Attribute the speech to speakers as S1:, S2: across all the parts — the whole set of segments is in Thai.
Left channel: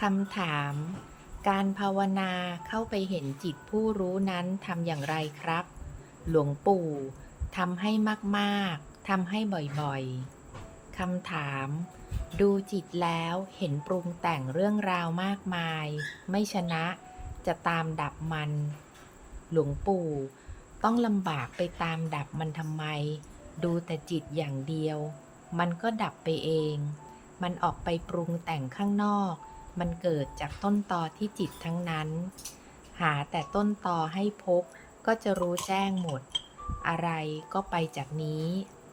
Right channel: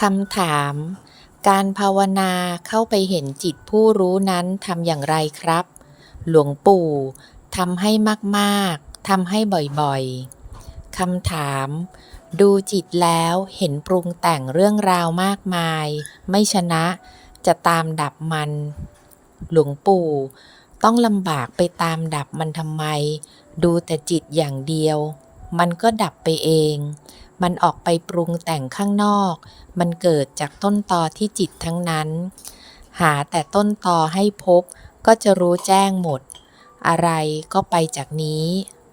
S1: คำถาม การภาวนาเข้าไปเห็นจิตผู้รู้นั้นทำอย่างไรครับ หลวงปู่ทำให้มากๆทำให้บ่อยๆคำถาม ดูจิตแล้วเห็นปรุงแต่งเรื่องราวมากมาย ไม่ชนะจะตามดับมัน หลวงปู่ ต้องลำบากไปตามดับมันทำไม ดูแต่จิตอย่างเดียว มันก็ดับไปเอง มันออกไปปรุงแต่งข้างนอก มันเกิดจากต้นตอที่จิตทั้งนั้น หาแต่ต้นตอให้พบก็จะรู้แจ้งหมด อะไรก็ไปจากนี้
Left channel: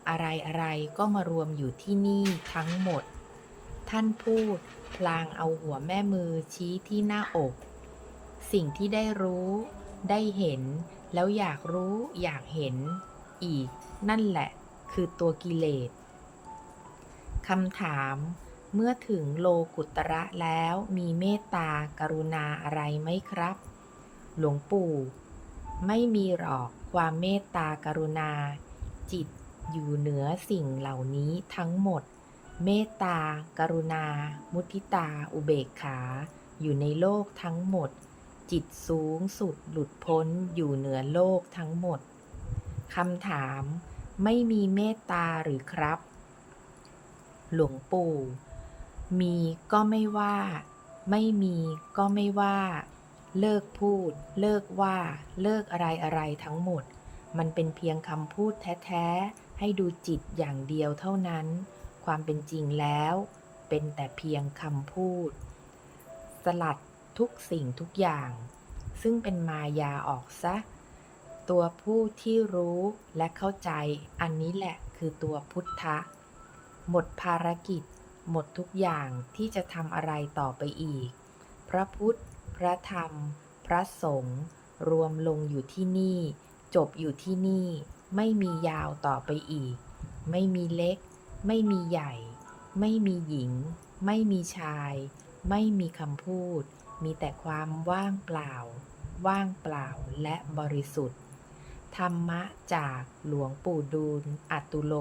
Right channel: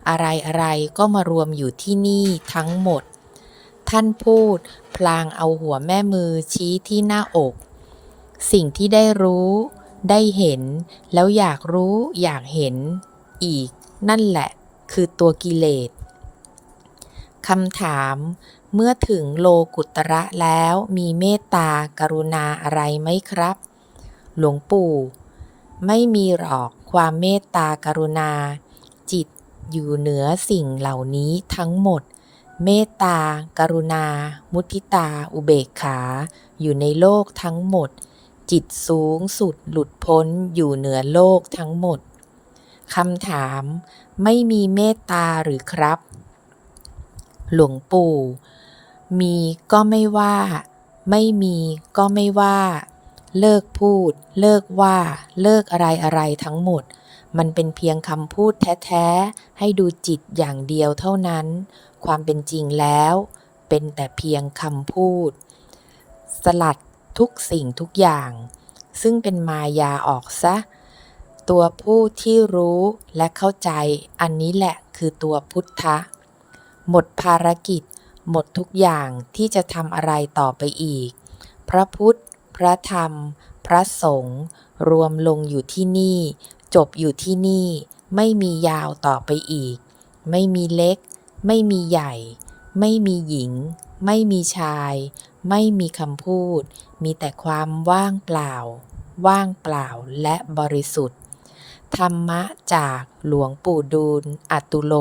S1: อะไรอะไรก็มารวมอยู่ที่นี่ทั้งหมด ท่านพูด พลางเอาหัวแม่มือชี้ที่หน้าอก สิ่งที่ได้รู้ ได้เห็น แล้วอยากรู้อยากเห็น อีก นั่นแหละ คือตัวกิเลส คำถาม เมื่อถึงโลกุตระแล้วมีเมตตากรุณาอะไรไหมครับ หลวงปู่ ไม่มีหรอกความเมตตากรุณา จิตอยู่เหนือสิ่งเหล่านี้ทั้งหมด เมตตา กรุณา มุทิตา อุเบกขา อยู่ในโลกทั้งหมด จิตสูงสุดหลุดพ้นอยู่เหนือโลกทั้งหมดคำถาม ไม่มีเมตตาหรือครับ หลวงปู่ มีก็ไม่ว่า ไม่มีก็ไม่ว่า เลิกพูด เลิกว่า เลิกอะไรอะไรทั้งหมด มันเป็นเพียงคำพูดแท้ๆ ให้ดูจิตอย่างเดียวเท่านั้น ความเป็นจริงแล้ว เป็นแต่เพียงคำพูด สลัดทุกสิ่งทุกอย่าง ซึ่งเป็นมายาออกซะตัวผู้ที่รู้และเข้าใจอันนี้แหละคือตัวพุทธะ หมดภารกิจ หมดทุกอย่างที่จะทำอะไรต่อไปอีก พระพุทธ พระธรรม พระสงฆ์รวมลงอยู่ที่นี่ จบอยู่ที่นี่ ไม่มียาวต่อไปอีก ไม่มีเล็ก ไม่มีใหญ่ ไม่มีหญิง ไม่มีชาย ไม่มีคำพูด มีแต่ความว่างเปล่า ว่างเปล่าและบริสุทธิ์ ธรรมะจากหลวงปู่ดูลอัตุโล